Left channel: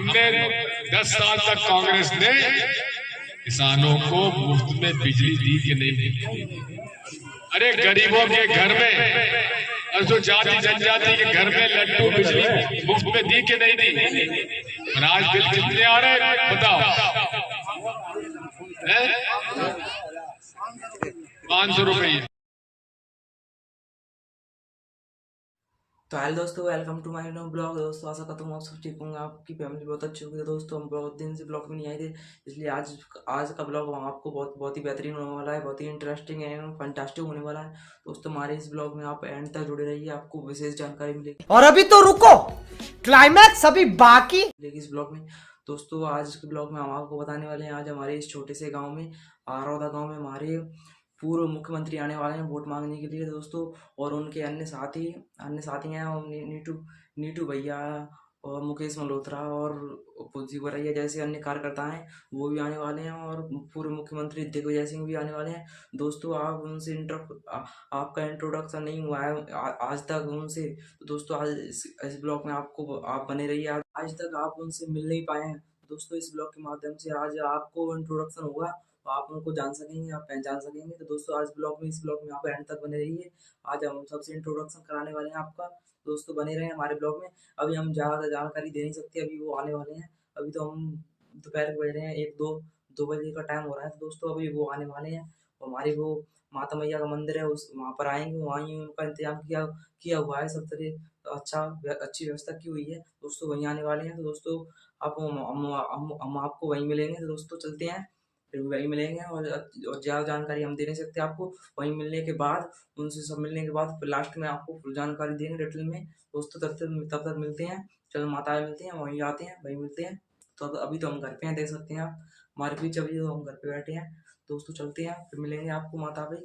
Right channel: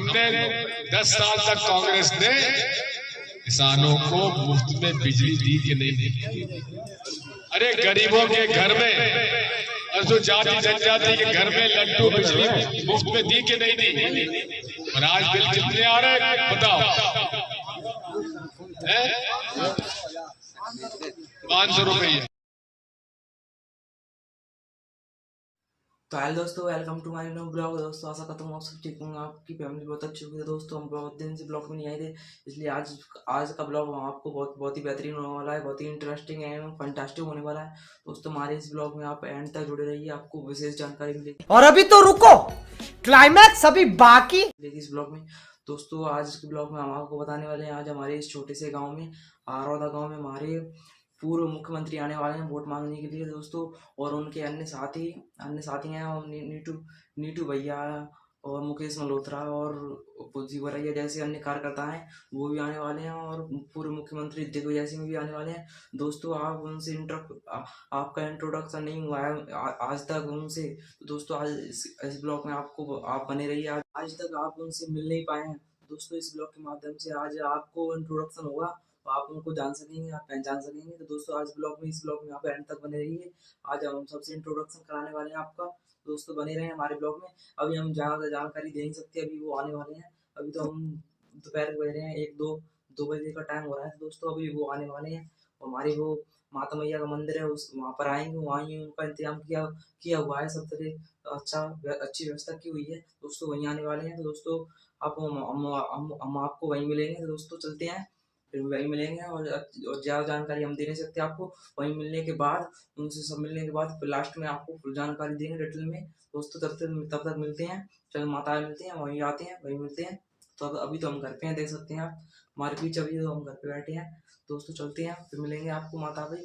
हमने 10 साल तक कांग्रेस ने किसानों को मुफ्त में बिजली दी कि नहीं दी? अरे गरीबों के घर में और जो जाति जनजाति के घर में लड्डू बिजली मुफ्त में दी कि नहीं दी? और आज बिल कितने आ रहे हैं बताओ? 500 रुपये। तो हेलो दोस्तों, welcome to my new blog. दोस्तों आशा करता हूँ आप सब ठीक होंगे, आपकी फैमिली बहुत अच्छी होगी। दोस्तों हम बहुत दिन से ब्लॉग में नहीं आए थे, इसलिए आज का ब्लॉग आपको बहुत ही बेहतरीन होने वाला है, बहुत ही इंटरेस्टिंग है, फंटास्टिक होने वाला है। दोस्तों हमारे इस ब्लॉग में आप एंड तक जुड़े रहिए, आपको विशेष जानकारी मिलेगी। और अभी तो रुको, क्लाइमैक्स अभी बाकी इस ब्लॉग में। दोस्तों आज के ब्लॉग में हम आपको बताने वाले हैं, आज हमारे इस छोटे से गाँव में, आरौदा गाँव में हमारे पूर्व मुख्यमंत्री आने वाले हैं वोट मांगने के लिए दोस्तों। और उनके अन्य साथी हैं, और नीटू भैया और मुकेश मल्होत्रा और पुजी वरैया जैसे अन्य कार्यकर्ता हैं, वो भी आने वाले हैं। और पूर्व मुख्यमंत्री दिग्विजय सिंह भी आने वाले हैं। दोस्तों आप उनसे आपका इंट्रोडक्शन नहीं हुआ है आज तक उनसे, तो दोस्तों आज इस ब्लॉग में आप बने रहिए। आज तक आप उनसे मिल नहीं पाए हैं दोस्तों, इस ब्लॉग के माध्यम से आज आपको इंट्रोडक्शन होगा, तो आप उनको जान सकेंगे, आप पहचान सकेंगे। तो दोस्तों आज इस ब्लॉग में आप एंड तक बने रहिए। आज हम सबसे इंट्रोडक्शन कराने वाले हैं आपका, दोस्तों बने रहे हमारे ब्लॉग में। अभी हम ज़्यादा जानकारी दे नहीं सकते, अभी वो आने वाले हैं। अभी तो हम दोपहर के बज रहे हैं 1-2 बजे का टाइम हो रहा है। तो दोस्तों अभी वो आने वाले हैं, हमारी वो माता मैया का मंदिर है, वहाँ पर आएंगे, वहाँ ही उनका इंतजाम किया हुआ है, सब तरह अच्छी व्यवस्था की हुई है। दोस्तों वहीं आने वाले हैं। तो दोस्तों हम आपको वहीं मिलेंगे। तो दोस्तों चलते हैं, फिर वहीं मिलेंगे। और ज़्यादा जानकारी हम दे नहीं सकते आपको, वहीं मिलने के बाद, उनसे सब मिलने के बाद फिर लास्ट में आपको फुल जानकारी देंगे डिटेल में। दोस्तों तब तक मिलते हैं, चलो माता मिलते हैं, वहीं आते हैं, वहीं मिलते हैं। तो अभी तो हम घर पे हैं, देख सकते हैं आप हमारे बीच, अभी तो हम घर पे बैठे हैं। दोस्तों चलते हैं, फिर मिलेंगे आपको माता पे।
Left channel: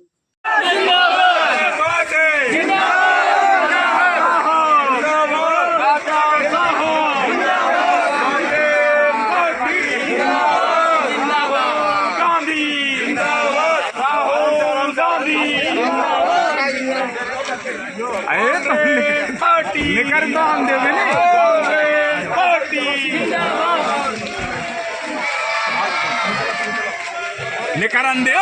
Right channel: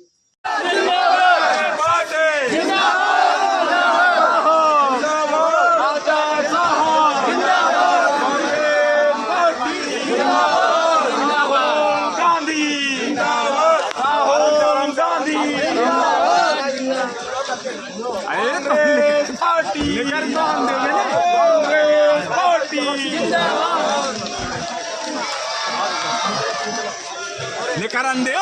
निकरन दे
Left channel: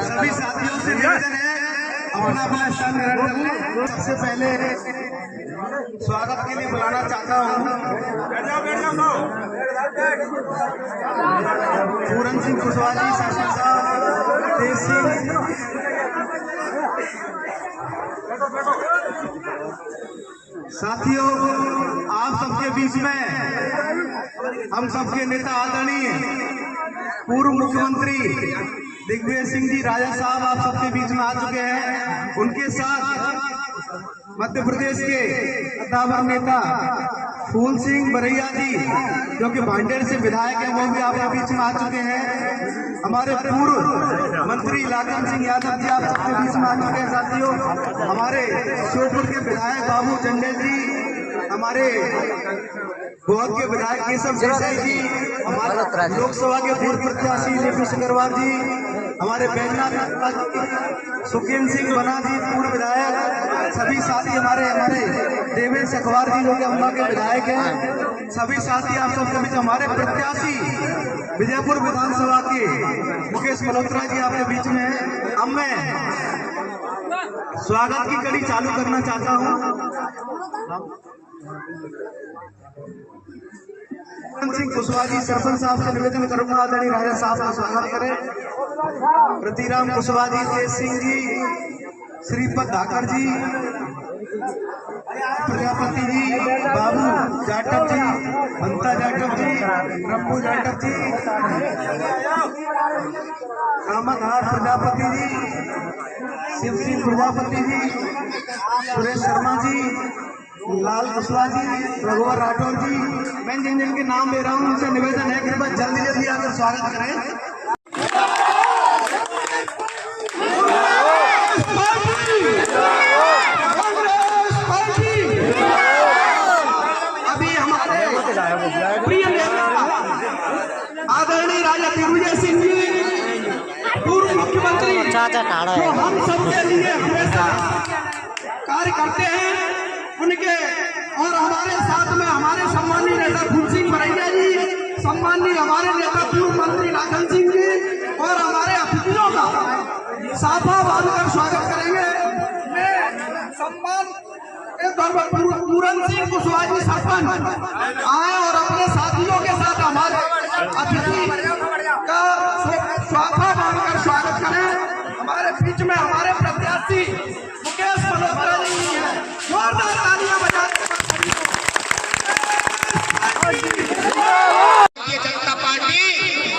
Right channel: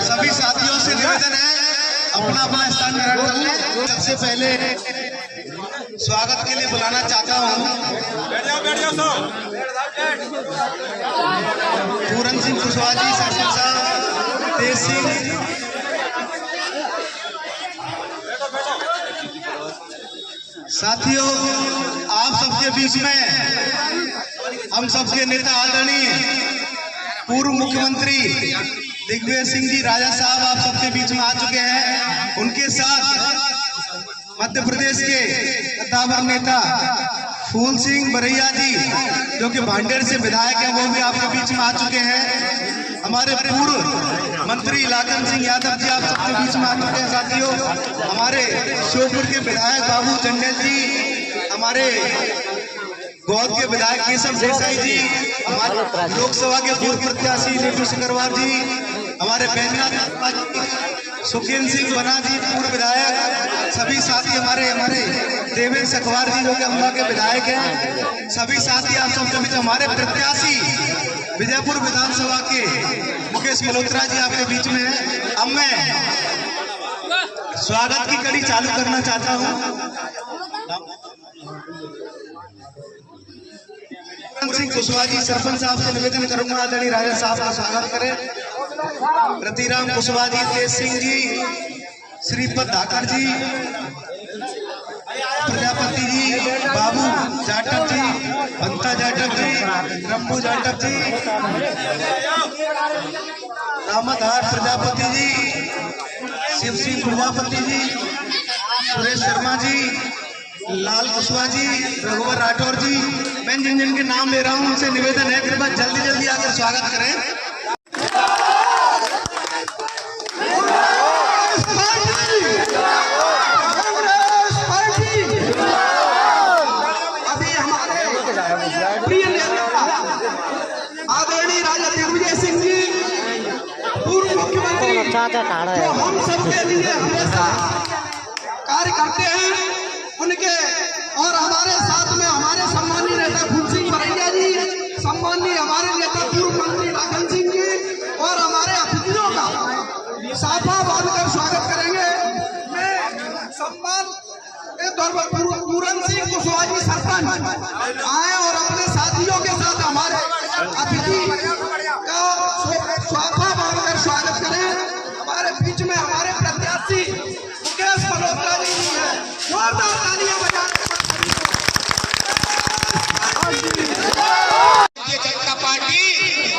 सभी साथियों से निवेदन है अपना अपना स्थान ग्रहण कर लें। सबसे पहले स्वागत के लिए बुलाना चाहता हूँ पूरन सिंह कुशवाहा जी, सरपंच साहब तेज सिंह, साथियों आप सबके बीच में हम सबके नेता आदरणीय पूर्व मुख्यमंत्री दिग्विजय सिंह जी राजा साहब आप सबके बीच में आ चुके हैं। उनके साथ मध्य प्रदेश के कद्दावर नेता फूल सिंह बरैया जी जो कि भांडेर से विधायक हैं, वो भी आपके बीच में आ चुके हैं। हमारे पूर्व मंत्री लाखन सिंह यादव जी आप सबके बीच में आ चुके हैं। साथियों हमारे श्योपुर के विधायक बाबू चंडेल जी, हमारे गोद के विधायक केशव देसाई जी, हमारे लोकसभा के पूर्व प्रत्याशी नीतू सिकरवार जी, हमारे बैजनाथ सुखीन सिंह बना जी पूर्व विधायक, सभी साथी हमारे देवेश अखबार जी जो कि अम्बा के विधायक हैं, सभी साथी आप सबके बीच, हमारे प्रत्याशी विजयपुर विधानसभा के मुकेश मल्होत्रा जी आपके बीच में हैं। अब मैं स्वागत की कड़ी चालू करना चाहता हूँ। सिंह कुशवाहा जी सरपंच साहब से निवेदन करूंगा आदरणीय राजा साहब का स्वागत करें। रतिराम कुशवाहा जी, तेज सिंह जी, श्रीपद धाकर जी, प्रजापति जी, बाबू जाटव जी, बंता जाटव जी, रम्बू जाटव जी, अहमद हार प्रजापति जी, शिव सिंह प्रजापति जी, सुरेश शर्मा जी, लाल कुशवाहा जी, रघुवर राठौर जी, मैं जिन जिन के नाम ले रहा हूँ उनसे निवेदन है कि बस जल्दी आकर स्वागत करें। अभी हमारे प्रिय नेता आदरणीय राजा दिग्विजय सिंह जी, पूर्व मुख्यमंत्री जो हम सबके लिए हमेशा कार्य करते हैं, उनके और हमारे साथ में हमारे सम्मानीय नेता फूल सिंह बरैया जी, सम्मानीय हमारे नेता पूर्व मंत्री नागन सिंह जी और हमारे अतिथियों का साफा बांधकर स्वागत करेंगे। मैं सम्मान के तौर पर पूरन सिंह कुशवाहा जी सरपंच आए और अपने साथियों के साथ हमारे अतिथि का साफा बांधकर स्वागत करें। हमारे बीच में हमारे प्रत्याशी मुकेश मल्होत्रा जी भी है, जोरदार तालियां बजाते हैं। भारतीय जनता पार्टी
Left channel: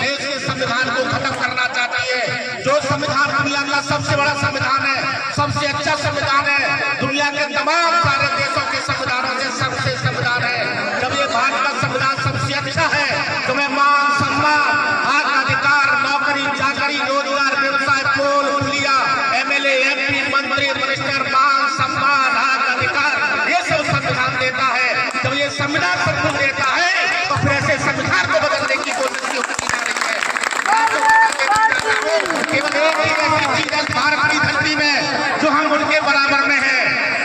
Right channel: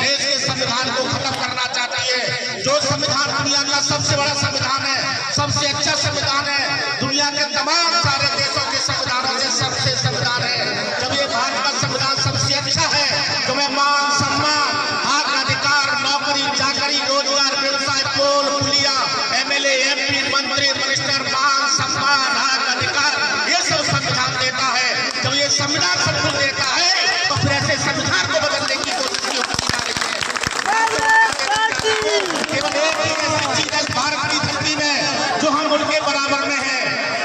देश के संविधान को खत्म करना चाहती है। जो संविधान दुनिया का सबसे बड़ा संविधान है, सबसे अच्छा संविधान है, दुनिया के तमाम सारे देशों के संविधानों से सबसे संविधान है। जब ये भारत का संविधान सबसे अच्छा है तो मैं मान सम्मान, हक अधिकार, नौकरी चाकरी, रोजगार, व्यवसाय, पोल पुलिया, एमएलए एमपी मंत्री मिनिस्टर, मान सम्मान, हक अधिकार, ये सब संविधान देता है। जब ये संविधान सब कुछ देता है तो फिर ऐसे संविधान को बदलने की कोशिश की जा रही है। केवल एक ही ऐसी चीज है भारत की धरती में जो हम उनके बराबर में है,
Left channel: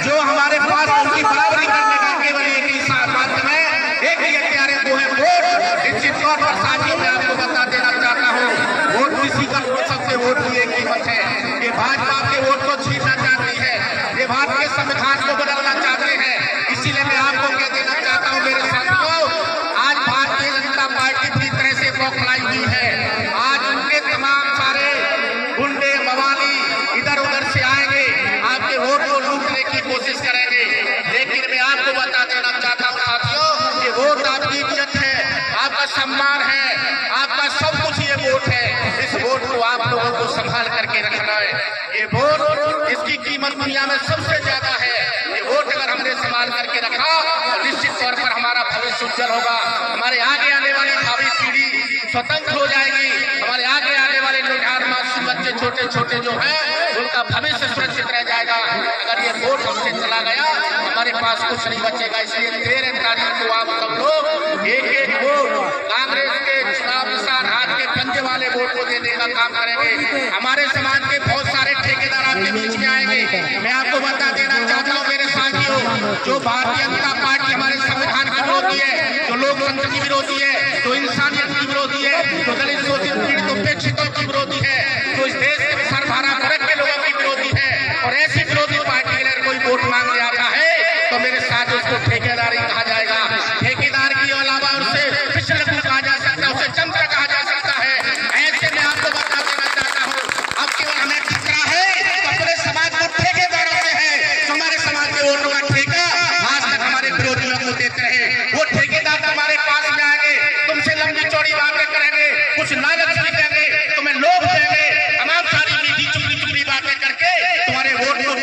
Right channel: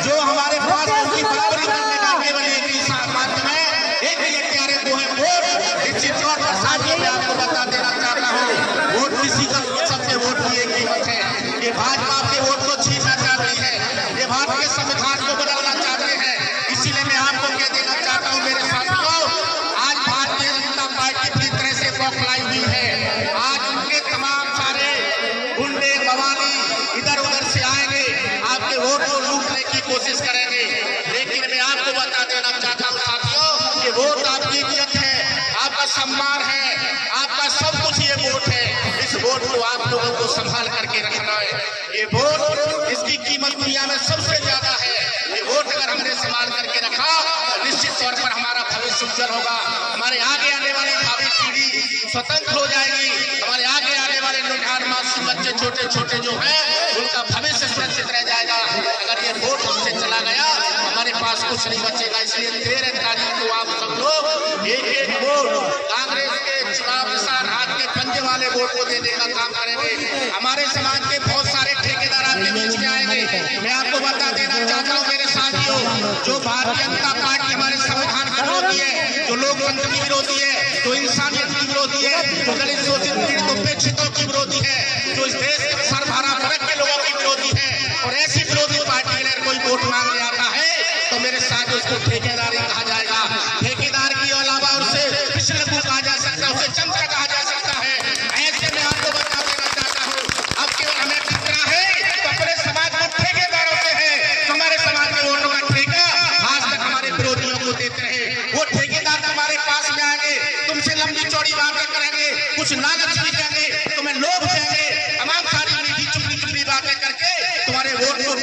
जो हमारे पास उनकी बराबरी करने का केवल एक ही माध्यम है, एक ही प्यारे वो है वोट। निश्चित तौर पर साथियों मैं आपको बता देना चाहता हूँ, वोट किसी का हो सकते, वोट की एक कीमत है। ये भाजपा के वोट को छीनना चाहती है, ये भारत के संविधान को बदलना चाहते हैं। इसीलिए मैं आपको कह देना चाहता हूँ मेरे साथियों, आज भारतीय जनता पार्टी पूरी तरह से बौखलाई हुई है। आज उनके तमाम सारे गुंडे मवाली इधर उधर से आएंगे, आपके वोट को लूटने की कोशिश करेंगे। लेकिन मैं आपको बता देना चाहता हूँ साथियों, ये वोट आपकी इज्जत है, आपका सम्मान है, आपका सब कुछ ये वोट है। इस वोट को आप लोगों को संभाल करके रखना है। ये वोट इसकी कीमत दुनिया में सबसे ज्यादा है। ये वोट अगर हमने संभाल करके रखा तो निश्चित तौर पर हमारा भविष्य उज्जवल होगा। हमारे आगे आने वाले भावी पीढ़ी स्वतंत्र हो जाएगी। हमारे आगे आने वाले लोग मासूम बच्चे छोटे छोटे जो हैं उनका भविष्य सुरक्षित रह जाएगा। अगर ये वोट हमसे चला गया हमारे पास कुछ नहीं बचेगा। इसलिए 13 तारीख को आप सब लोग एक एक वोट कांग्रेस के चुनाव निशान हाथ के पंजे वाले वोट को देने का काम करेंगे। हमारे समाज के बहुत सारे ठेकेदार आपके बीच में आएंगे। मैं आपको बता देना चाहता हूँ मेरे साथियों, जो भारतीय जनता पार्टी हमारे संविधान की विरोधी है, जो लोकतंत्र की विरोधी है, जो इंसानियत की विरोधी है, जो दलित शोषित पीड़ित उपेक्षितों की विरोधी है, जो इस देश के सरभरा वर्ग के लोगों की विरोधी है, और ऐसी विरोधी पार्टी के लिए कोई वोट मांगने आता है तो मेरे साथ उसको ठेकेदारी कहा जाएगा। ठेकेदार के अलावा उसे पिछड़कू कहा जा सकता है, उसे चमचा कहा जा सकता है। ऐसे में आपको बता देना चाहता हूँ, अब केवल हमें खतरा है तो अपने समाज को ठेकेदारों से है। हमारे समाज के वोटों का ठेका आज तक हमारे विरोधियों को देते रहे। वो ठेकेदार हमारे पास में आएंगे, तुमसे लंबी चौड़ी बातें करेंगे, कुछ लालच दिखाएंगे, तुम्हें लोभ देंगे, तमाम सारी मीठी चुपड़ी चुपड़ी बातें करके तुम्हारे वोट को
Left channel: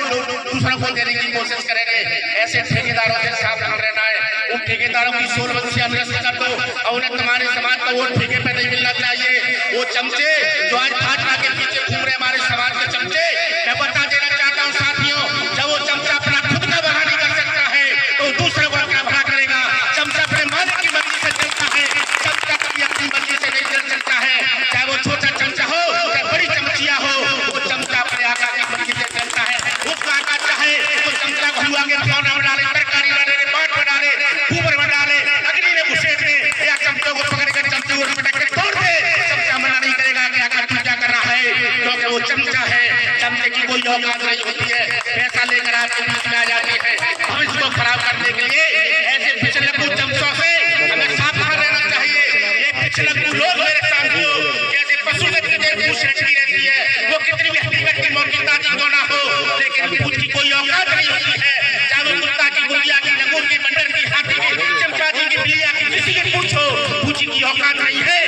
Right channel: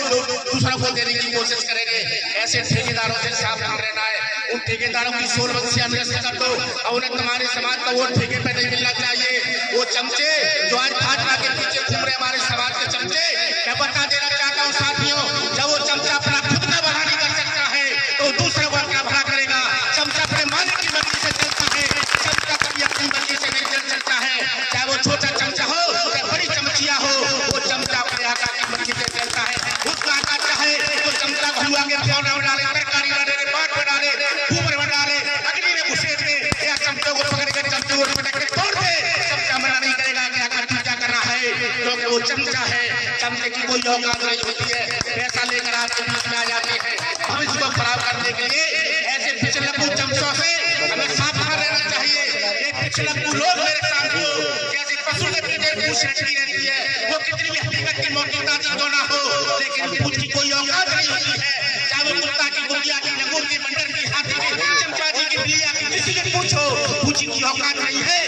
दूसरों को देने की कोशिश करेंगे। ऐसे ठेकेदारों से सावधान रहना है। उन ठेकेदारों की सोल से हम निरस्त कर दो और उन्हें तुम्हारे समाज का वोट ठेके पे नहीं मिलना चाहिए। वो चमचे जो आज भाजपा के पीछे घूम रहे हमारे समाज के चमचे, मैं बता देना चाहता हूँ साथियों, जब वो चमचा अपना खुद का भला नहीं कर सकता है तो दूसरे को अपना भला करेगा। चमचा अपने मालिक की मर्जी से चलता है, चमचा कभी अपनी मर्जी से नहीं चलता है। चाहे वो छोटा चमचा हो या बड़ी चमचिया हो, वो चमचा अपने आका की मर्जी से चलता है। उसका आका चाहे तो चमचा को आगे प्यार में डाले, तरकारी में डाले, पाट में डाले, ऊपर में डाले, अग्नि में घुसेड़ दे या चमचों को पकड़ कर चमचे को पटक के तोड़ दे। चमचा मना नहीं करेगा कि आका तू क्या कर रहा है, क्योंकि वो चमचा है। चमचे की कोई औकात नहीं होती है। पैसा लेकर आपके बीच में आ जाते हैं भविष्य को खराब करने के लिए। ऐसे पिछलकू चमचों से हमें सावधान रहना चाहिए। ये पिछलकू लोग मेरे साथियों जैसे पशु के पीछे पूछ रखी रहती है, वो कितनी भी हकीकत की मौकी ताजी क्यों ना हो, लेकिन पूछ की कोई औकात नहीं होती है। चाहे वो कुत्ता की, गुड़िया की, नगुर की, बंदर की, हाथी की, चमचा जी की, बिल्लिया की, किसी की पूछो, पूछी की औकात नहीं है।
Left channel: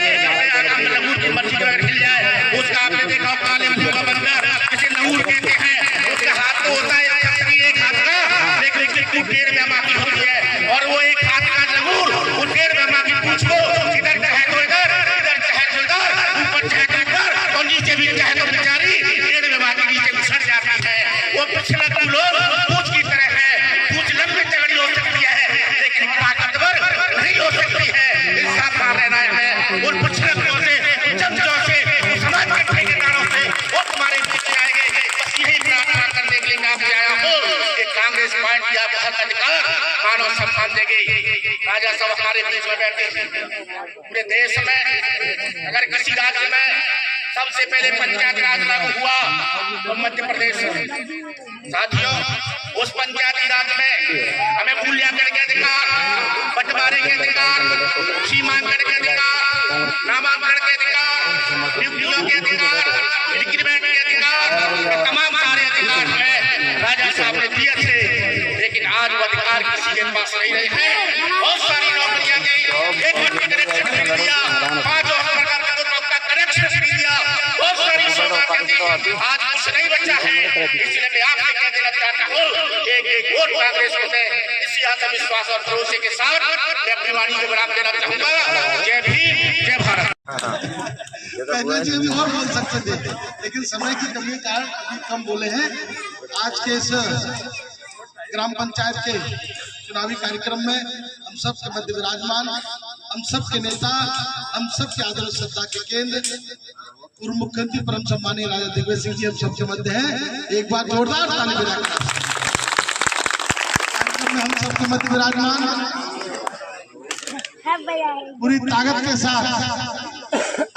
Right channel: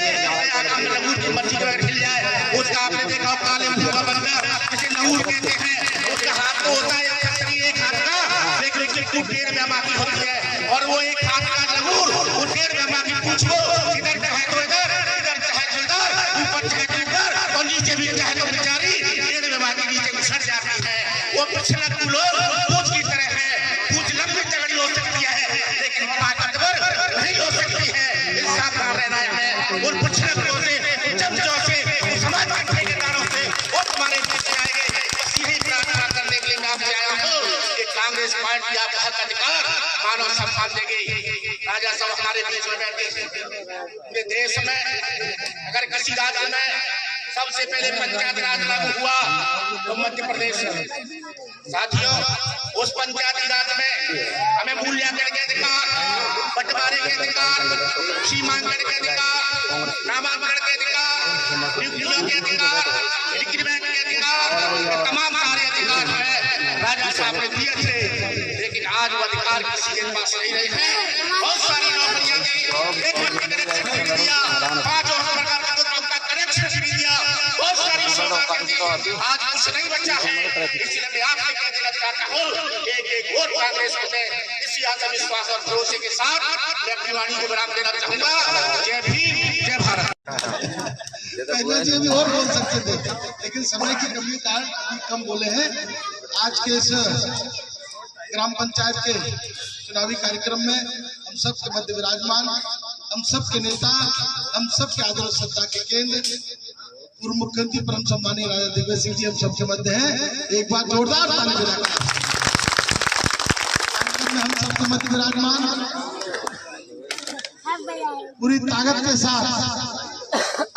नगुर की मर्जी अगर हिल जाए, उसका आपने देखा हो काले मुंह का बंदर जिसे नगुर कहते हैं, उसका हाथ तो होता है एक हाथ का, लेकिन डेढ़ में माफी होती है। और वो एक हाथ का नगुर वो 1.5 में माफी पूछो, इधर चाहे तो इधर, इधर चाहे तो इधर, ऊपर चाहे तो ऊपर, और नीचे भी चाहे तो बेचारी 1.5 में माफी नीचे घुसड़ जाती है। वो पिछलकू लोग पूछ की तरह है, पूछ लंबी तगड़ी हो सकती है लेकिन ताकतवर नहीं हो सकती है। इंसाफ रहना है। और पिछलकुओं से, चमचों से, समाज के ठेकेदारों से, वो तुम्हारे सम्मान दिया, बहुत अधिकार मानव सम्मान देंगे। राजा साहब हमारे बीच में बैठे हैं। पूरे देश में अगर किसी राज्य में सबसे पहले पंचायत राज लागू हुआ तो मध्य प्रदेश में। साथियों, उस पंचायती राज में हमें मूल्यांकन के अधिकार, बंटवारे के अधिकार, सीमांकन के अधिकार, नामांकन के अधिकार, ड्यूटियों के अधिकार, इंक्रीमेंट के अधिकार, तमाम सारे अधिकार है राजा साहब ने दिए थे। लेकिन आज वो अधिकार किसी के पास नहीं रहे हैं। बहुत सारी नौकरियां दी, एक वर्ग का कनेक्शन नहीं दिया, 5 प्रकार का कनेक्शन नहीं दिया, बहुत सारी आज कुछ नहीं बचा है। इसलिए मैं आपसे कह देना चाहता हूँ, एक वोट कांग्रेस को मैं इसी आत्मविश्वास और भरोसे के साथ मैं अपनी वाणी को विराम देना चाहूंगा। जय भीम, जय भारत। पहले जी हम और बोल सकते थे, लेकिन समय की कमी के कारण अभी कम बोले हैं। आज के इस ग्राम पंचायत के चुनावी कार्यक्रम में हम सब के मध्य विराजमान, हम सब के नेता, हम सब के आदर और श्रद्धा के केंद्र पूर्व मुख्यमंत्री परम सम्मानीय राजा दिग्विजय सिंह जी हम सबके मध्य हैं। एक बार जोरदार ताली बजाकर कार्यक्रम में हम सबके मध्य विराजमान पूरी ताकत के साथ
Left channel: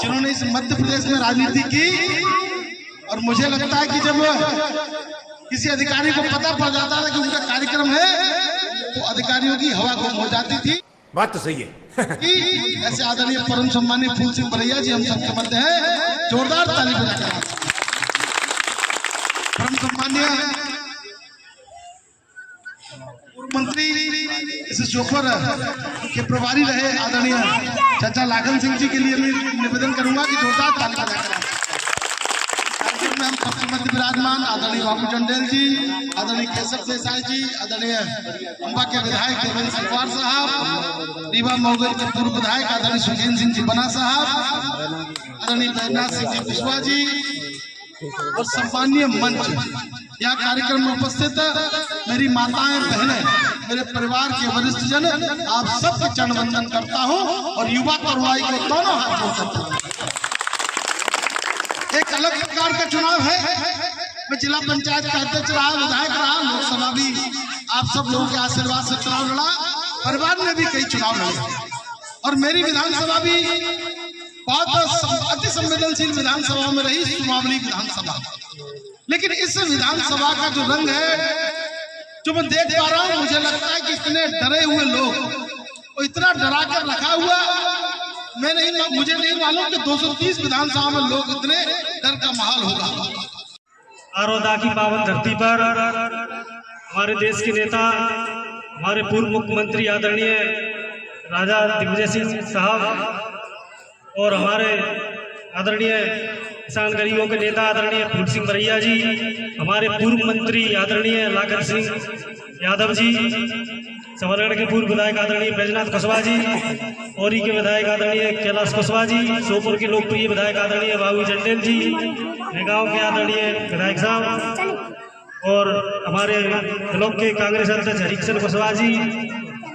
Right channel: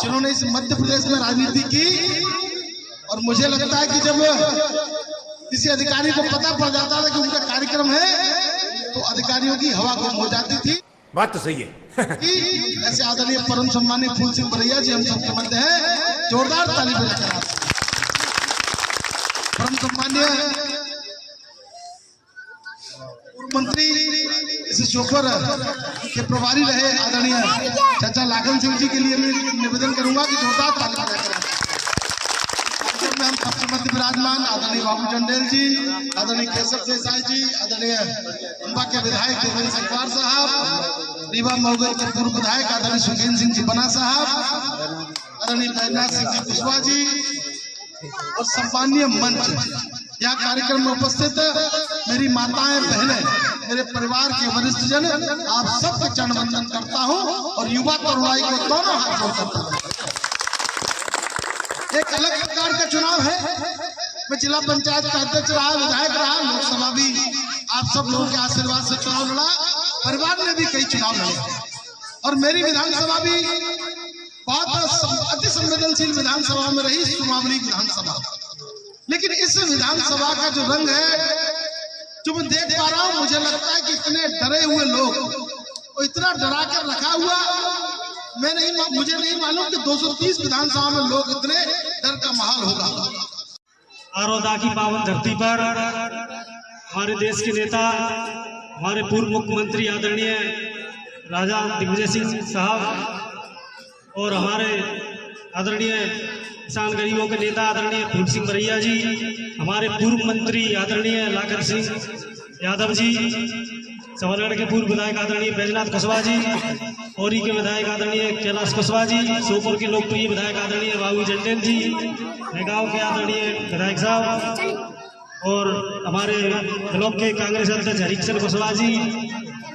जिन्होंने इस मध्य प्रदेश में राजनीति की। और मुझे लगता है कि जब किसी अधिकारी को पता पड़ जाता था कि उनका कार्यक्रम है तो अधिकारियों की हवा गुम हो जाती थी। बात तो सही है। कि ऐसे आदरणीय परम सम्मानीय फूल सिंह बरैया जी हम सबके मध्य हैं। जोरदार ताली बजाकर परम सम्मानीय पूर्व मंत्री इस शोफर के प्रभारी रहे आदरणीय चाचा लाखन सिंह जी के लिए मैं निवेदन करूंगा कि जोरदार ताली बजाकर कार्यक्रम में हम सबके मध्य विराजमान आदरणीय बाबू चंडेल जी, आदरणीय केशव देसाई जी, आदरणीय अम्बा के विधायक देवेंद्र सिंह साहब, रीवा मऊगल के पूर्व विधायक आदरणीय सुखीन सिंह जी बना साहब, आदरणीय बैजनाथ सिंह जी कुशवाहा जी और सम्मानीय मंच, यहाँ कार्यक्रम में उपस्थित मेरी माताएं, बहनें, मेरे परिवार के वरिष्ठ जन, आप सबके चरण वंदन करता हूँ और युवा तरुणाई को दोनों हाथ जोड़ करता हूँ। एक अलग प्रकार का चुनाव है। मैं जिला पंचायत का अध्यक्ष रहा, विधायक रहा, लोकसभा भी आप सब लोगों के आशीर्वाद से चुनाव लड़ा, परिवार में भी कई चुनाव लड़े और मेरी विधानसभा भी बहुत अति संवेदनशील विधानसभा में रही, सुमावली विधानसभा। लेकिन इस विधानसभा का जो रंग है जो मैं देख पा रहा हूँ, मुझे लगता है कि इतने डरे हुए लोग और इतना डरा कर रखा हुआ, मुझे नहीं मालूम कि 230 विधानसभा में लोग इतने डर का माहौल होगा। आरोदा की पावन धरती पर हमारे देश के नेता, हमारे पूर्व मुख्यमंत्री आदरणीय राजा दिग्विजय सिंह साहब और हमारे आदरणीय किसान गरीबों के नेता आदरणीय फूल सिंह बरैया जी, हमारे पूर्व मंत्री आदरणीय लाखन सिंह यादव जी, सवरगढ़ के पूर्व विधायक आदरणीय बैजनाथ कुशवाहा जी, औरी के विधायक आदरणीय कैलाश कुशवाहा जी, सोपुर के लोकप्रिय विधायक आदरणीय बाबू चंडेल जी, गांव के आदरणीय विधायक साहब और हमारे ब्लॉक के कांग्रेस अध्यक्ष हरिकिशन कुशवाहा जी,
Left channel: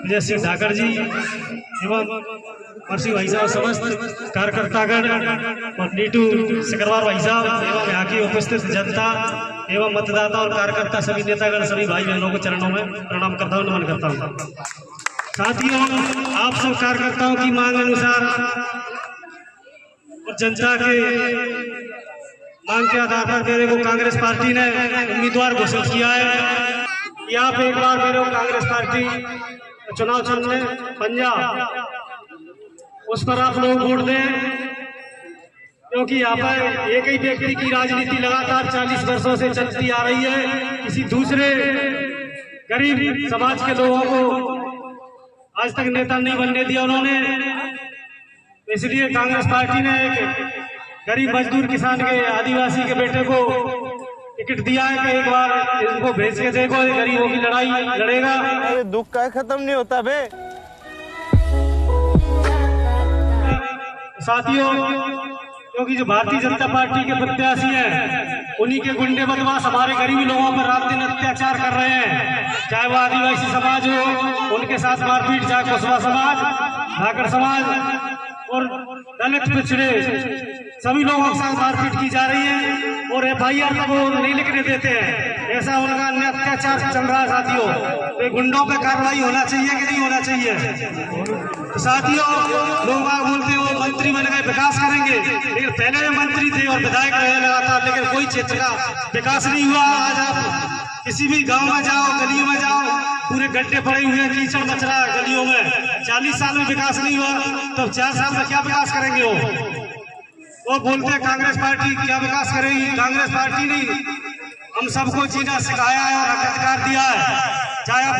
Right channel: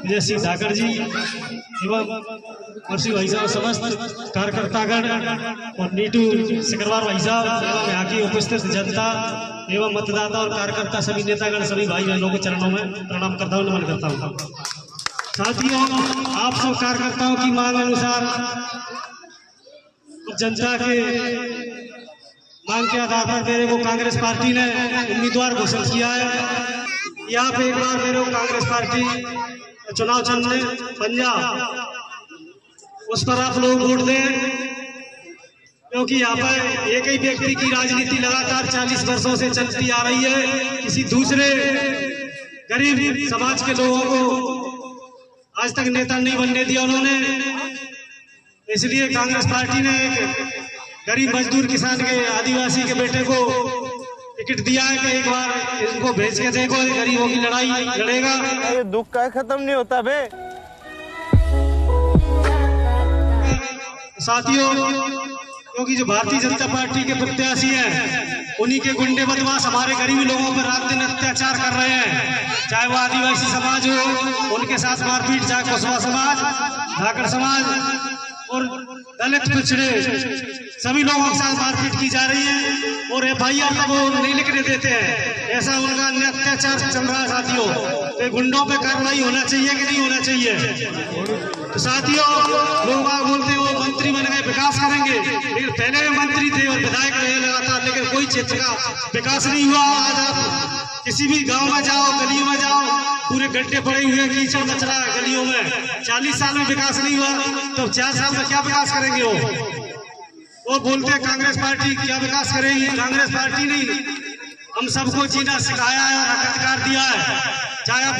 विजय सिंह ठाकर जी एवं मर्सी भाई साहब, समस्त कार्यकर्तागण और नीटू सिकरवार भाई साहब एवं यहाँ की उपस्थित जनता एवं मतदाता और कार्यकर्ता, सभी नेतागण, सभी भाई बहनों के चरणों में प्रणाम करता हूँ, नमन करता हूँ। साथियों, आप सब कार्यकर्ताओं की मांग अनुसार और जनता के मांग के आधार पर मेरे को कांग्रेस पार्टी ने उम्मीदवार घोषित किया है कि आप एक बार मेरे को कांग्रेस पार्टी चुनाव चिन्ह पंजाब उस पर आप लोग वोट दें, क्योंकि यहाँ पर एक ही व्यक्ति की राजनीति लगातार 40 वर्षों से चलती आ रही है। किसी दूसरे गरीब समाज के लोगों को आज तक नेता नहीं बनने दिया उन्होंने। इसलिए कांग्रेस पार्टी ने गरीब मजदूर किसान के आदिवासी के बेटे को टिकट दिया है कि एक बार इनको भेज के देखो, गरीबों की लड़ाई लड़ेगा। ये दुख का खत्म नहीं होता बे। साथियों, क्योंकि जो भारतीय जनता पार्टी के प्रत्याशी हैं, उन्हीं के गुंडे बदमाश हमारे गरीब लोगों पर रात दिन अत्याचार कर रहे हैं। चाहे वो आदिवासी समाज हो, उनके साथ मारपीट, चाहे कुशवाहा समाज, ठाकर समाज और दलित पिछड़े सभी लोगों के साथ मारपीट की जा रही है और FIR तक वो नहीं लिखने देते हैं। ऐसा उनका अत्याचार चल रहा है साथियों। तो गुंडों पे कार्रवाई होना चाहिए कि नहीं होना चाहिए? तो साथियों, लोग बोलते हो मंत्री बन गए विकास करेंगे, लेकिन पहले मंत्री थे और विधायक रहे लगातार, लेकिन कोई क्षेत्र का विकास नहीं हुआ। आज आप किसी भी गांव में जाओ, गलियों में जाओ, पूरे गड्ढे पड़े हुए हैं, कीचड़ मच रहा है गलियों में। 40 साल में विकास नहीं हुआ, तो 4 साल में क्या विकास करेंगे वो बोलते हैं कांग्रेस पार्टी क्या विकास करेगी। कांग्रेस पार्टी नहीं, हम सबको जीना सिखाया है और अधिकार दिया है। चाहे आप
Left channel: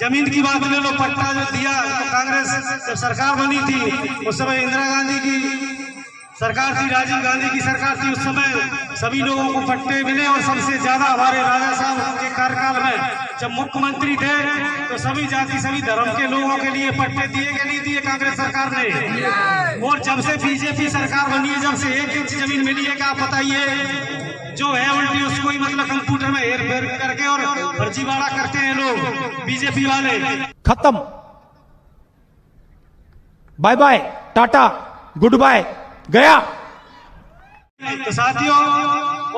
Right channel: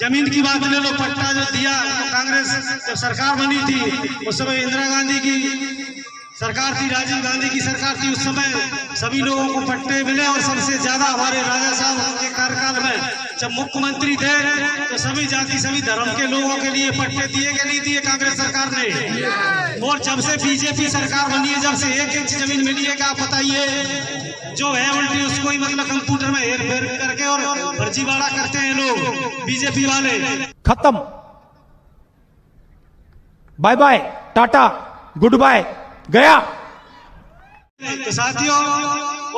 जमीन की बात ले लो, पट्टा जो दिया तो कांग्रेस जब सरकार बनी थी उस समय इंदिरा गांधी की सरकार थी, राजीव गांधी की सरकार थी, उस समय सभी लोगों को पट्टे मिले और सबसे ज्यादा हमारे राजा साहब के कार्यकाल में जब मुख्यमंत्री थे तो सभी जाति सभी धर्म के लोगों के लिए पट्टे दिए कि नहीं दिए कांग्रेस सरकार ने। और जब से बीजेपी सरकार बनी है, जब से 1 इंच जमीन मिली है, क्या बताइए जो है उल्टी उसको ही मतलब कंप्यूटर में हेर फेर करके और फर्जीवाड़ा करते हैं लोग बीजेपी वाले। खत्म, bye bye, tata, goodbye, गया। तो साथियों,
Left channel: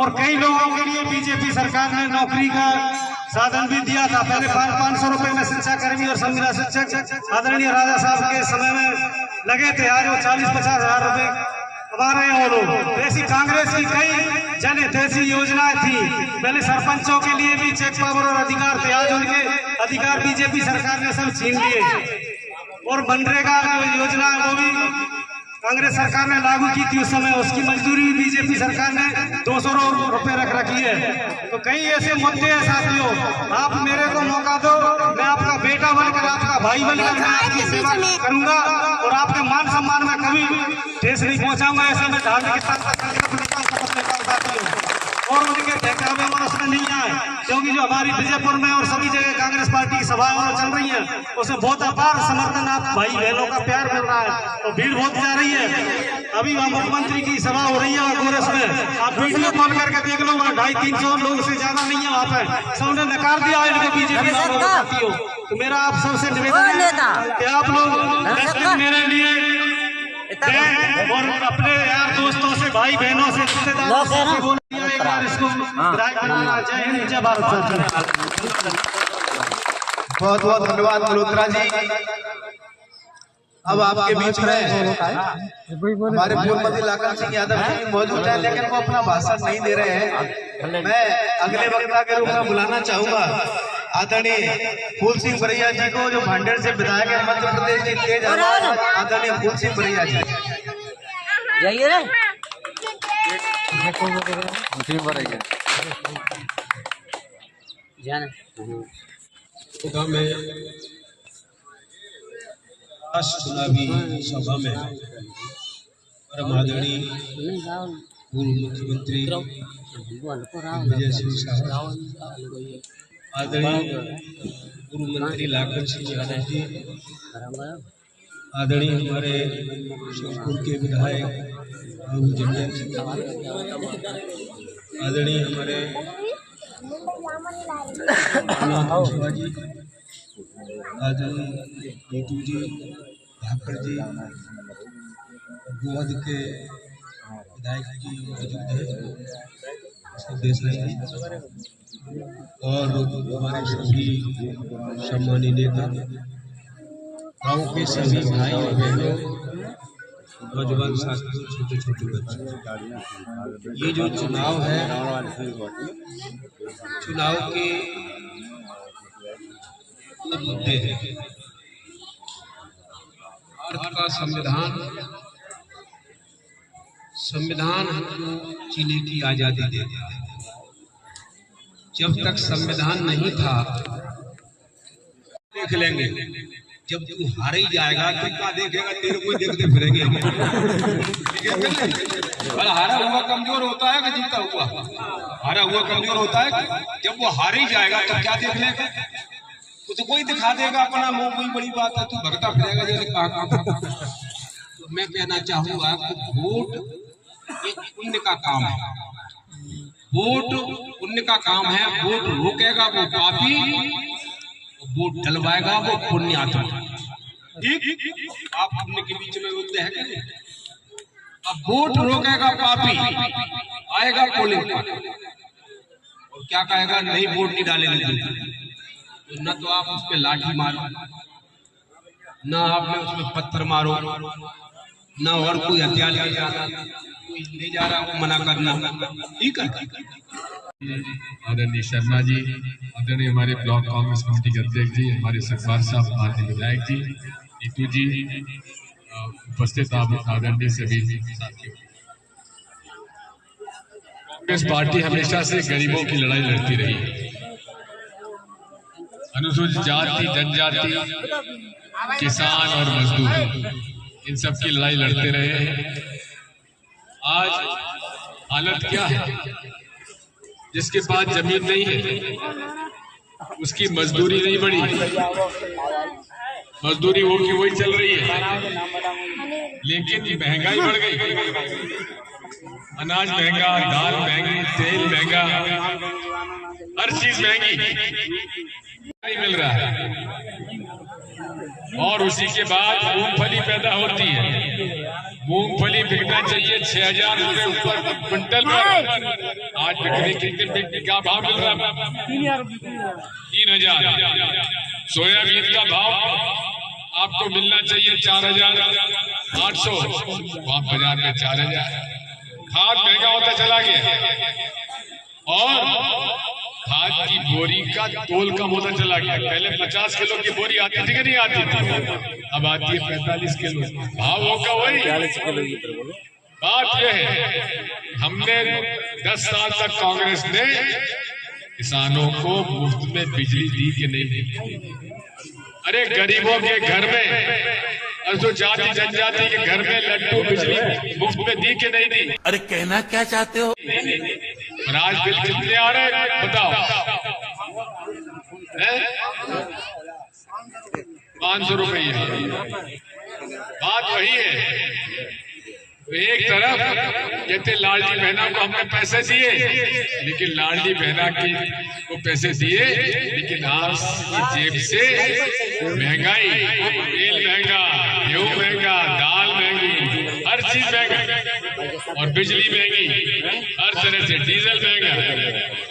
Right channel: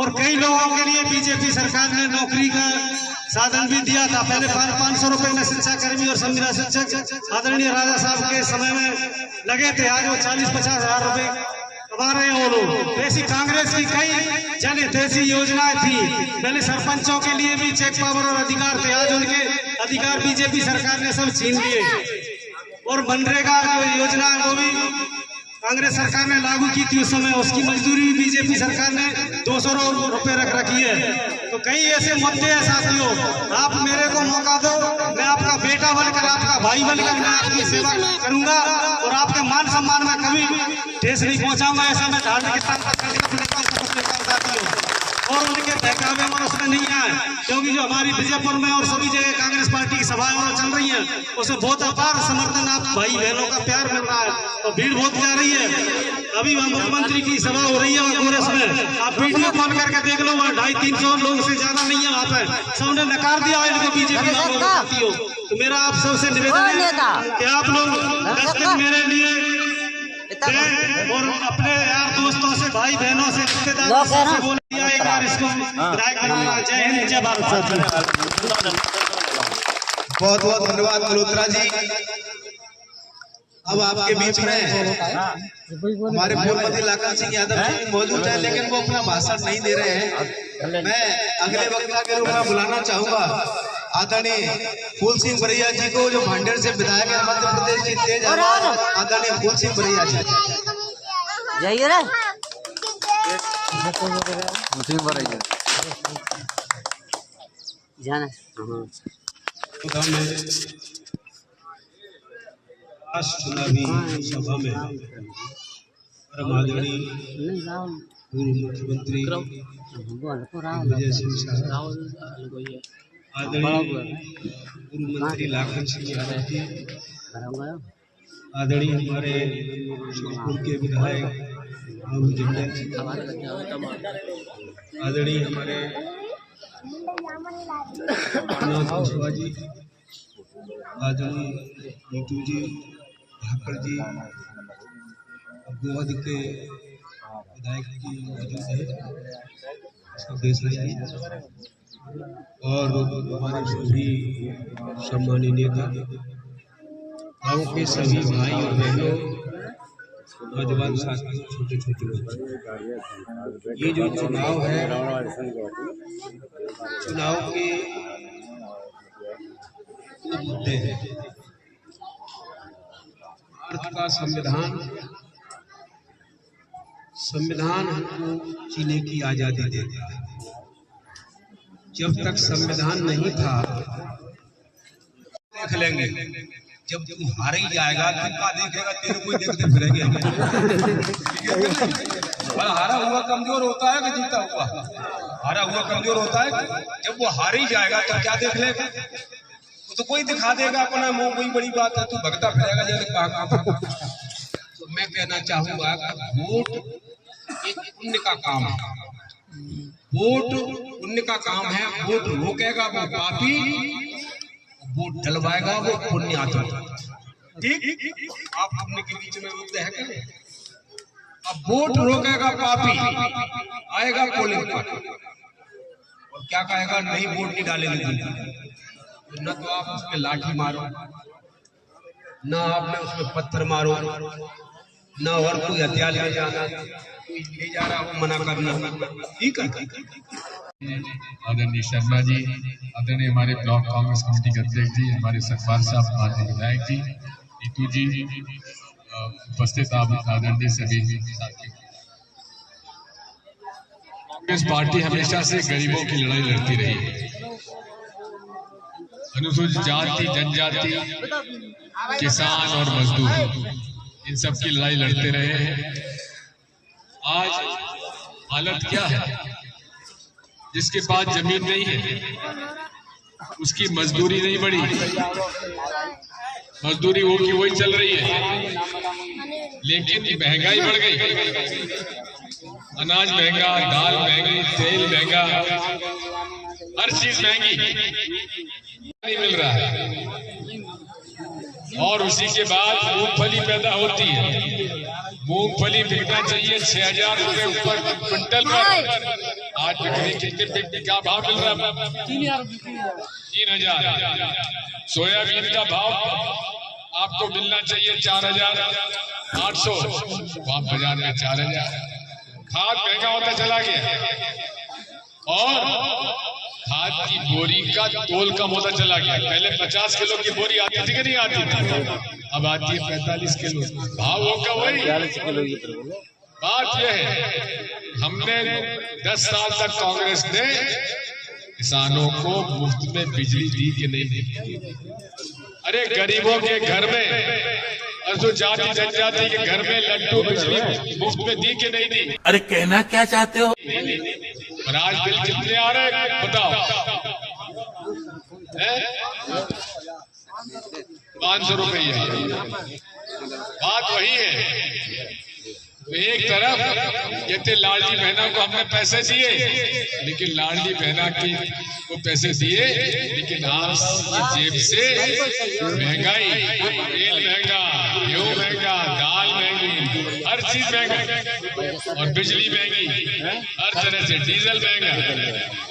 और कई लोगों के लिए बीजेपी सरकार ने नौकरी का साधन भी दिया था। पहले 500 रुपए में शिक्षा कर्मी और संविदा शिक्षक आदरणीय राजा साहब के समय में लगे थे, आज वो 40-50 हजार रुपए कमा रहे हैं वो लोग। ऐसी कांग्रेस की कई जन हितैषी योजनाएं थी। पहले सरपंचों के लिए भी चेक पावर और अधिकार थे, आज उनके अधिकार बीजेपी सरकार ने सब छीन लिए। और मनरेगा जो योजना है वो भी कांग्रेस सरकार ने लागू की थी उस समय, उसकी मजदूरी भी बीजेपी सरकार ने 200 रुपए रख रखी है। तो कई ऐसे मुद्दे हैं साथियों, आप मेरे को मौका दो, मैं आपका बेटा बनकर, आपका भाई बनकर मैं आपकी सेवा करूंगा और आपके मान सम्मान में कभी ठेस नहीं पहुंचाऊंगा। ऐसा मैं ढालने और उनके बहकावे में उसमें नहीं आए, क्योंकि जो हमारी विजयपुर में और सभी जगह कांग्रेस पार्टी की सभाएं चल रही है उसमें बहुत अपार समर्थन, आप भाई बहनों का प्यार मिल रहा है और भीड़ बहुत जा रही है। अभी वहाँ मुख्यमंत्री की सभा हो रही है कोरस में, आप वीडियो कॉल करके देख लो, वहाँ 250-300 लोग से ज्यादा नहीं है वहाँ पे, सबने नकार दिया है इनको बीजेपी वालों। तो मेरा आप सबसे निवेदन है कि आप लोग 10 दिन मेरे लिए और अपने यार दोस्तों से, भाई बहनों से, रिश्तेदारों से बोल दिया एक बार इसको विधायक बनाना। जय हिंद, जय भारत। बहुत बहुत धन्यवाद मल्होत्रा जी। अब आपके बीच में हमारे पूर्व मंत्री लाखन सिंह यादव जी मौजूद है, लेकिन वो अपना भाषण नहीं दे रहे हैं। मैं अगले वक्ता के रूप में बुलाना चाहूंगा आदरणीय फूल सिंह बरैया जी को, जो भांडेर से विधायक है, मध्य प्रदेश की तेज आवाज आदरणीय फूल सिंह बरैया जी। जाइए ना जाना चुनावी सभा में परम आदरणीय पूर्व मुख्यमंत्री दिग्विजय सिंह साहब, आदरणीय पूर्व मंत्री लाखन सिंह यादव जी, आदरणीय हमारे शिवपुर के विधायक बाबू जंडल जी, आदरणीय हमारे जी, आदरणीय नीतू जी, भाकर जी, गोवादी के विधायक जी मौजूद है, देसाई जी, और हमारे सभी सम्मानित नेता, गाँव के सभी भाई और बहनों, नौजवान साथियों, छोटे छोटे बच्चे, ये जो चुनाव है, चुनाव के दो मुद्दे हैं। भारत का संविधान हमको जीने की आजादी देता है। जब तक संविधान नहीं था, देख लेंगे, जब तू हार ही जाएगा तो क्या देखेगा, तेरे को देखते फिरेंगे हम। हारा हुआ कमजोर होता है कि जीता हुआ? हारा हुआ कमजोर होता है। जब वो हार ही जाएगा तो क्या देख लेगा? तो कोई दिखा देगा अपना मुंह, कोई बड़ी बात है, तू भगता फिरेगा जाने कहाँ। तो मैं कहना चाहूंगा कि वोट एक पुण्य का काम है, वोट पुण्य का काम है। वोट रोकेगा वो पापी, वोट डलवाएगा वो पुण्य आत्मा। ठीक, आप अपने के बीच में मुद्दे है करें। अब वोट रोकेगा पापी, आएगा पोलिंग पर और क्या कहेगा, नहीं वोट नहीं डालेंगे। तो न तो आप उस पर लाठी मारो, न आपने उसमें पत्थर मारो, न और कोई हथियार ले जाना, कोई ले जा रहा हो मना करना, ठीक है। आदरणीय शर्मा जी, आदरणीय हमारे ब्लॉक कांग्रेस कमेटी के अध्यक्ष जी, हमारे सरकार साहब, हमारे विधायक जी, नीतू जी, उपस्थित आदरणीय सभी साथियों। कांग्रेस पार्टी हमेशा से गरीबों की लड़ाई लड़ती रही है। अनुसूचित जाति, जनजाति, किसान और मजदूर, इन सब की लड़ाई लड़ते रहे हैं। आज हालत क्या है, जिसके पास जमीन नहीं है उसकी मजदूरी नहीं बढ़ी, मजदूरी वो की वही चल रही है, लेकिन महंगाई बढ़ गई। अनाज महंगा, दाल महंगी, तेल महंगा, हर चीज महंगी, नहीं मिल रहा है। और उसी के बाद मूंगफली पैदा होती है। मूंगफली बिकना चाहिए 6,000 रुपए ऊपर क्विंटल पर, आज बिकने कितने क्या भाव मिल रहा है? 3,000। सोयाबीन का भाव आपको मिलना चाहिए 4,800, तो आप बाजार में 4,000। खाद महंगा होता चला गया और खाद की बोरी का तोल कम होता चला गया। पहले 50 किलो की बोरी आती थी कि नहीं आती थी, अब आती है 45 किलो। भाव होगा वही। बात यह है, हमने 10 साल तक कांग्रेस ने किसानों को मुफ्त में बिजली दी कि नहीं दी? अरे गरीबों के घर में, जो जाति जनजाति के घर में लड्डू बिजली मुफ्त में दी कि नहीं दी? अरे कहना क्या चाहते हो? और आज बिल कितने आ रहे हैं बताओ? 500 रुपया। बात वही है। तो एक तरफ कहते लाडली बहना को हमने पैसे दिए, लेकिन लाडली बहना को पैसे दिए, लेकिन आपकी जेब से महंगाई, तेल महंगा, गेहूं महंगा, दाल महंगी, हर चीज महंगी, और बिजली महंगी, हर तरह से डीजल महंगा,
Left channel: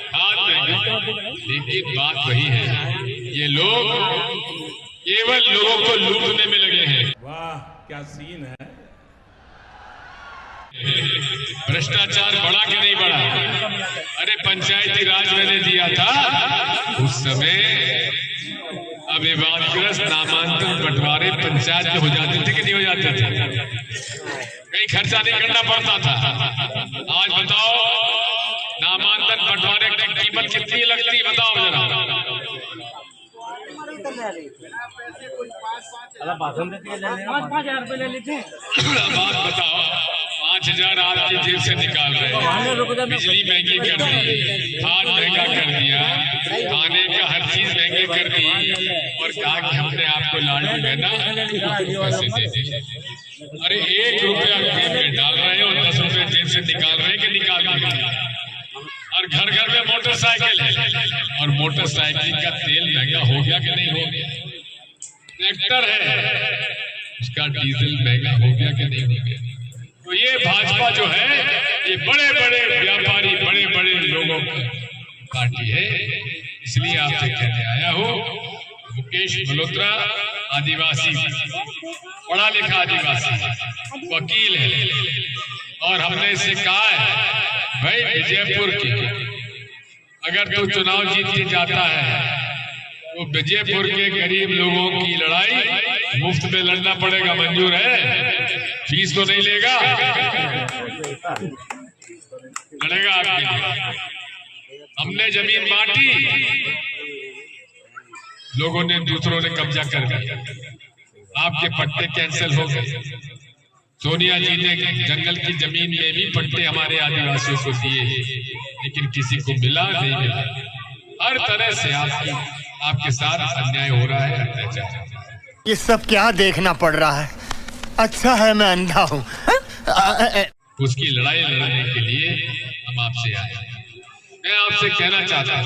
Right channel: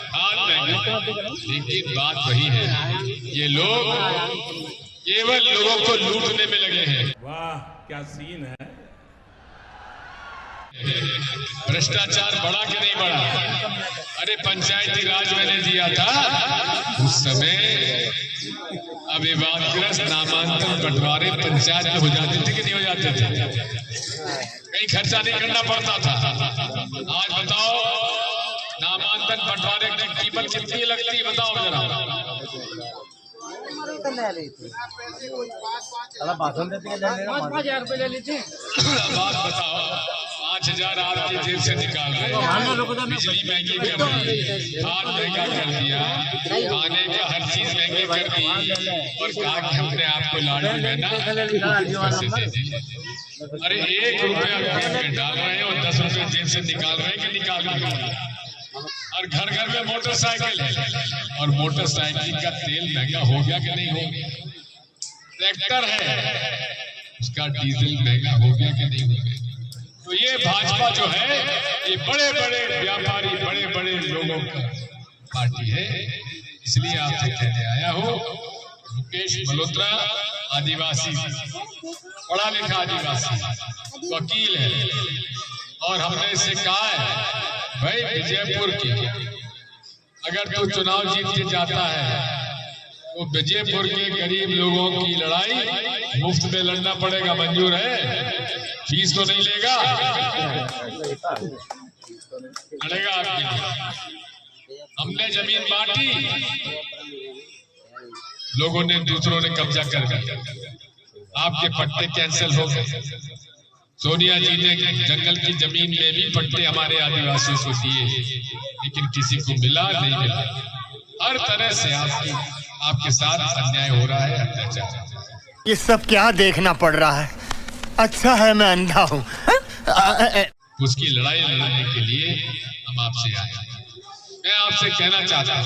खाद महंगा। लेकिन बात वही है, ये लोग केवल लोगों को लूटने में लगे हैं। वाह क्या सीन है। भ्रष्टाचार बढ़ा कि नहीं बढ़ा? अरे पंचायती राज मैंने दिया था उस समय, अब विवादग्रस्त नामांकन बंटवारे पंचायत में हो जाते थे कि नहीं हो जाते थे? कहीं खर्चा नहीं करना पड़ता था। आज बताओ नामांकन बंटवारे की कीमत कितनी लगती, बताओ जरा। बात बताओ, 5,000 आपकी जेब से निकाल रहे, बिजली महंगी कर दी, खाद महंगा कर दिया, खाने का हर चीज महंगी कर दी, और कहा कि हमने आपको लाडली बहना पैसे दे दी। अरे 1 रुपया जेब में डाल रहे हो, 10 रुपये जेब से निकाल रहे हैं कि निकाल रहे? और घर घर में मोटरसाइकिल है, और मोटरसाइकिल का तेल महंगा हो गया कि नहीं हो गया? ट्रैक्टर है, उसका डीजल महंगा हो गया कि नहीं हो गया? तो ये भाजपा जो है, ये बड़े बड़े व्यापारी, बड़े बड़े लोगों की पार्टी है। इसलिए आपसे कहने आया हूँ, मुकेश मल्होत्रा आदिवासी, पढ़ा लिखा आदिवासी वकील है, और हमने इससे कहा है भाई विजयपुर की अगर तू चुनाव जीत के जाता है तो विजयपुर के गरीब लोगों की लड़ाई मुफ्त में लड़ना पड़ेगा। मंजूर है? फीस तो नहीं लेगा, लड़ेगा आपके लिए। हमने जमीन बांटी, लोगों ने, दूसरों ने कब्जा कर दिया, आपके पट्टे कैंसिल हो गए। सोनिया जी ने जंगल की जमीन में भी पट्टे हमारे आदिवासियों को दिए, लेकिन किसी को मिला नहीं मिला। हर तरह से आपके साथ अन्याय हो रहा है, अत्याचार। ये सब क्या देखना पड़ रहा है? अच्छा है मैं अंधा हूँ। उसकी लड़ाई लड़ने के लिए हम आपसे आए। मैं आपसे कहना चाहता हूँ,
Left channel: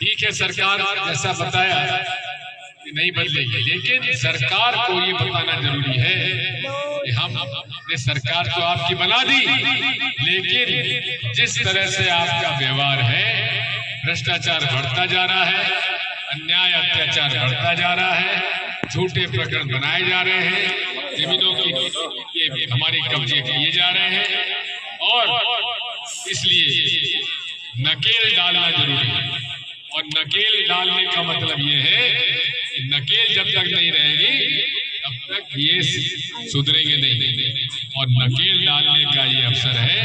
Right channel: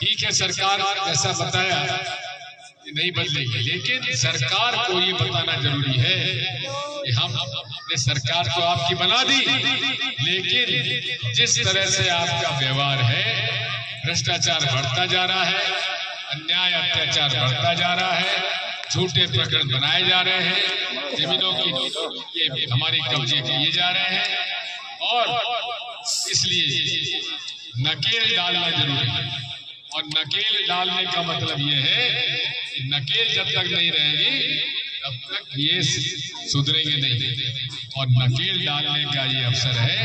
ठीक है सरकार जैसा बताया नहीं बदलेगी, लेकिन सरकार को ये बताना जरूरी है कि हमने सरकार तो आपकी बना दी, लेकिन जिस तरह से आपका व्यवहार है, भ्रष्टाचार बढ़ता जा रहा है, अन्याय अत्याचार बढ़ता जा रहा है, झूठे प्रकरण बनाए जा रहे हैं, जमीनों की ये हमारे कब्जे किए जा रहे हैं, और इसलिए नकेल डालना जरूरी है। और नकेल डालने का मतलब ये है कि नकेल जब तक नहीं रहेगी तब तक ये सुधरेंगे नहीं, और नकेल डालने का ये अवसर है।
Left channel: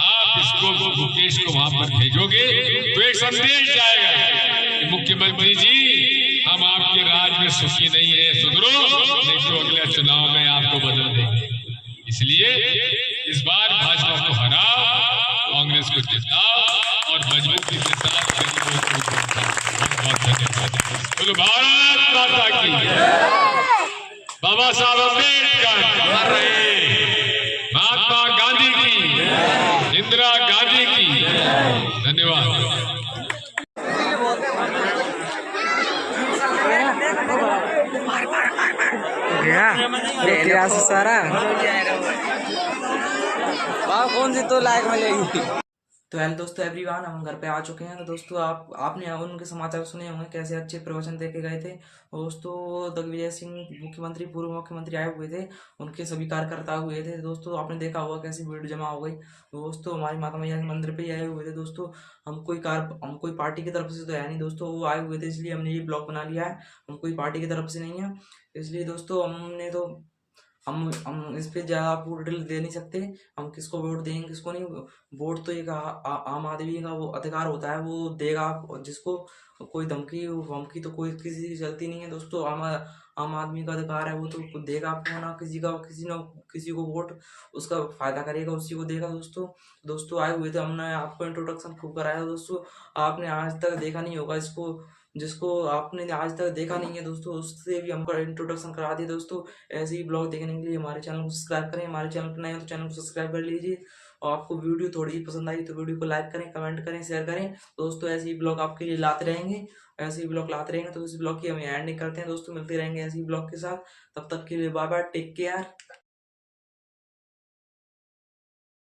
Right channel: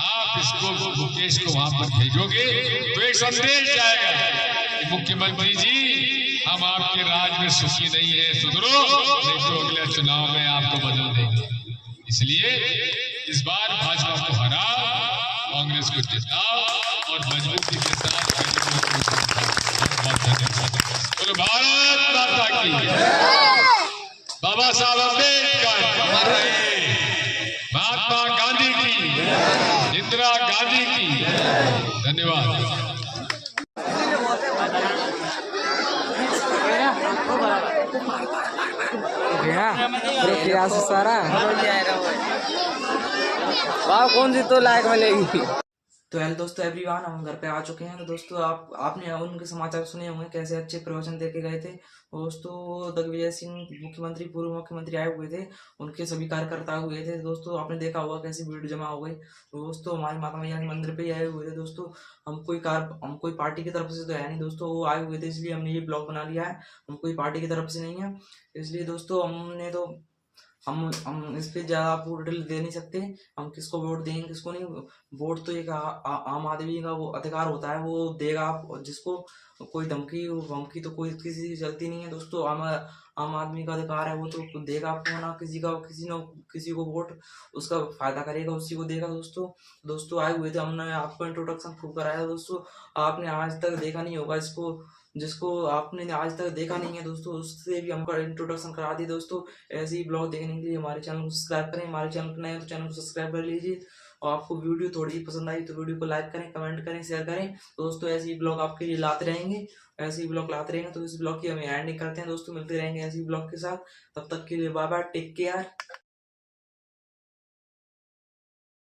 आप इसको मुकेश को वहां पर भेजोगे तो एक संदेश जाएगा कि मुख्यमंत्री जी, हम आपके राज में सुखी नहीं है, सुधरो, नहीं तो अगले चुनाव में आपको बदल देंगे। इसलिए इस बार भाजपा को हराओ, कांग्रेस को जिताओ और मजबूती के साथ बहुत धन्यवाद। बोलो भारत माता की, बाबा साहब अम्बेडकर अमर रहे, महात्मा गांधी की, इंदिरा गांधी की। धन्यवाद। सारा कौन सी तो लायक मिलेगी। तो हेलो दोस्तों एवरीवन, हम घर पे आ चुके हैं। तो दोस्तों आपने उनके समाचार सुने होंगे, कैसे अच्छे प्रवचन देके गए थे। दोस्तों दिग्विजय सिंह मुख्यमंत्री, पूर्व मुख्यमंत्री आए हुए थे, उनके सभी कार्यकर्ता हुए थे। दोस्तों आपने देखा होगा कैसी भीड़ जमा हो गई। दोस्तों हमारी माता मैया के मंदिर पे ही आए हुए थे। दोस्तों हम कोई पार्टी की तरफ से तो है नहीं दोस्तों, वो आए हुए थे इसलिए हमने ये ब्लॉग बना लिया है। हम कोई पार्टी की तरफ से नहीं है, इसलिए दोस्तों हमने तो हम इस पे ज़्यादा आपको डिटेल दे नहीं सकते, हम किसको वोट देंगे किसको नहीं। वोट तो एक आम आदमी का वो अधिकार होता है, वो देगा आप जिसको। कोई धमकी वमकी तो कोई किसी की चलती नहीं है दोस्तों। आम आदमी का अधिकार है, वो तो देगा आपको ना किसी को वोट, उसका फायदा करेगा, उसी को देगा दोस्तों आए हुए थे, हमने आपको इंट्रोडक्शन खूब कराया दोस्तों। आपने आज तक देखा नहीं होगा इसको, जिसको आपने आज तक देखा नहीं है दोस्तों, उससे भी हमको इंट्रोडक्शन करा दिए दोस्तों। ऐसे ही ब्लॉग देखने के लिए हमारे चैनल को सब्सक्राइब करें, हमारे चैनल पर नए हो तो चैनल को सब्सक्राइब कर लीजिए। और आपको वीडियो थोड़ी पसंद आई तो वीडियो को लाइक करें, कमेंट करें, शेयर करें दोस्तों। ऐसे ही ब्लॉग आपके लिए लाते रहेंगे, ऐसे ही ब्लॉग लाते रहेंगे। तो इस ब्लॉग की हम एंडिंग करते हैं दोस्तों, मिलते रहेंगे ऐसे ही ब्लॉग के साथ। तब तक के लिए बाय बाय, टेक केयर।